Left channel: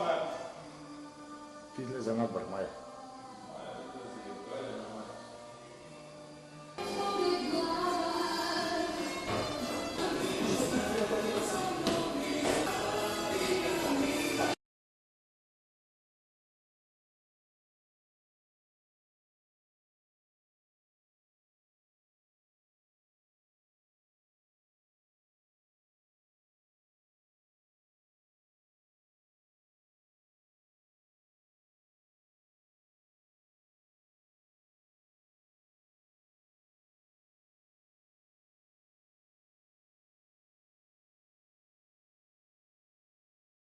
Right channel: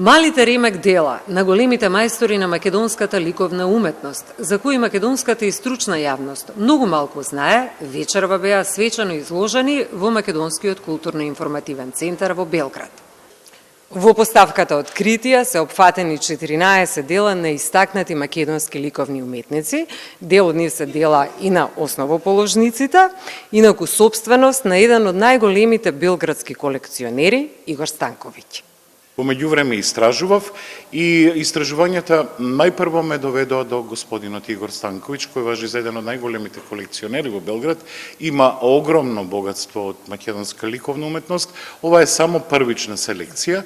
Малите ремек дела на големите мајстори на македонската ликовна уметност, за кои македонската и стручна јавност многу малку знае, вечерва беа свечено изложени во Македонскиот културно-информативен центар во Белград. Во поставката Откритија се опфатени 14 дела на истакнати македонски ликовни уметници. Дел од нив се дела и на основоположниците, инаку собственост на еден од најголемите белградски колекционери Игор Станковиќ. Во меѓувреме истражував и истражувањата најпрво ме доведоа до господинот Игор Станковиќ, кој важи за еден од најголемите колекционери во Белград. Има огромно богатство од македонска ликовна уметност. Ова е само првична селекција,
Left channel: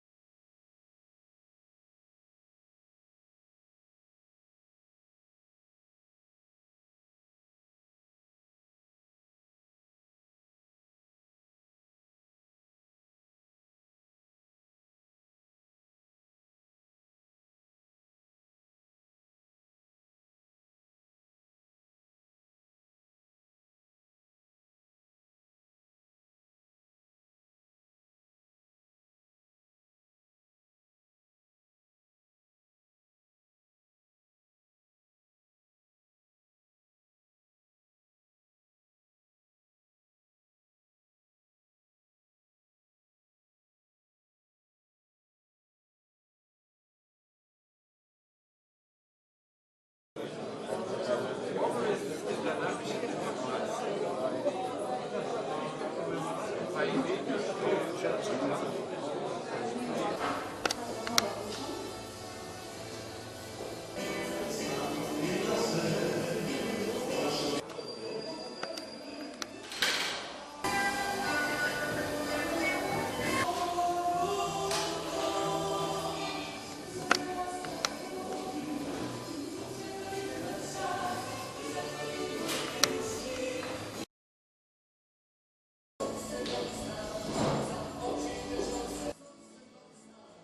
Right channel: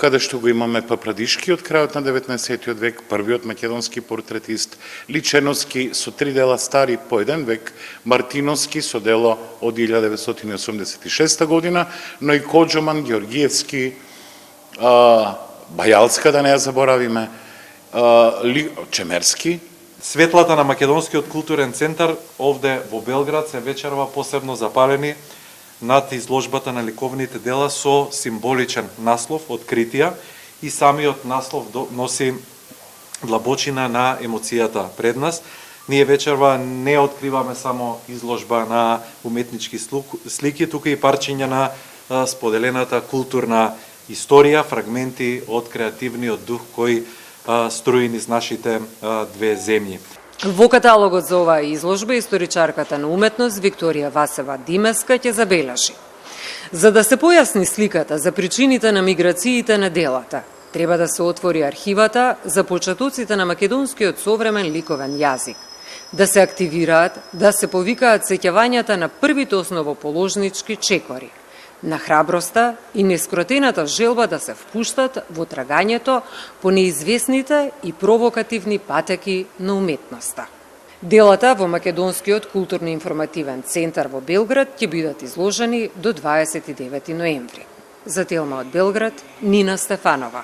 каде што го имаме Папрадишки од крајот на 19 век, првиот македонски портретист, Личеновски со 3 дела стари по 1 век, Мартиновски со дело од 1986 година, но и Коџоман, Георгиевски, Бајалска, да не ја заборавиме, Чемерски. Светлата на Македонскиот културен центар овде во Белград се вечерва посебно запалени над изложбата на ликовните дела со символичен наслов Откритија, и самиот наслов носи длабочина на емоцијата пред нас. Ние вечерва не откриваме само изложба на уметнички слики, тука и парчиња на споделената културна историја, фрагменти од креативниот дух кој струи низ нашите две земји. Во каталогот за оваа изложба историчарката на уметност Викторија Васева Димеска ќе забележи: за да се појасни сликата за причините на миграциите на делата, треба да се отвори архивата за почетоците на македонскиот современ ликовен јазик, да се активираат, да се повикаат сеќавањата на првите основоположнички чекори, на храброста и нескротената желба да се впуштат во трагањето по неизвестните и провокативни патеки на уметноста. Делата во Македонскиот културно-информативен центар во Белград ќе бидат изложени до 29 ноември. За Телма од Белград, Нина Стефанова.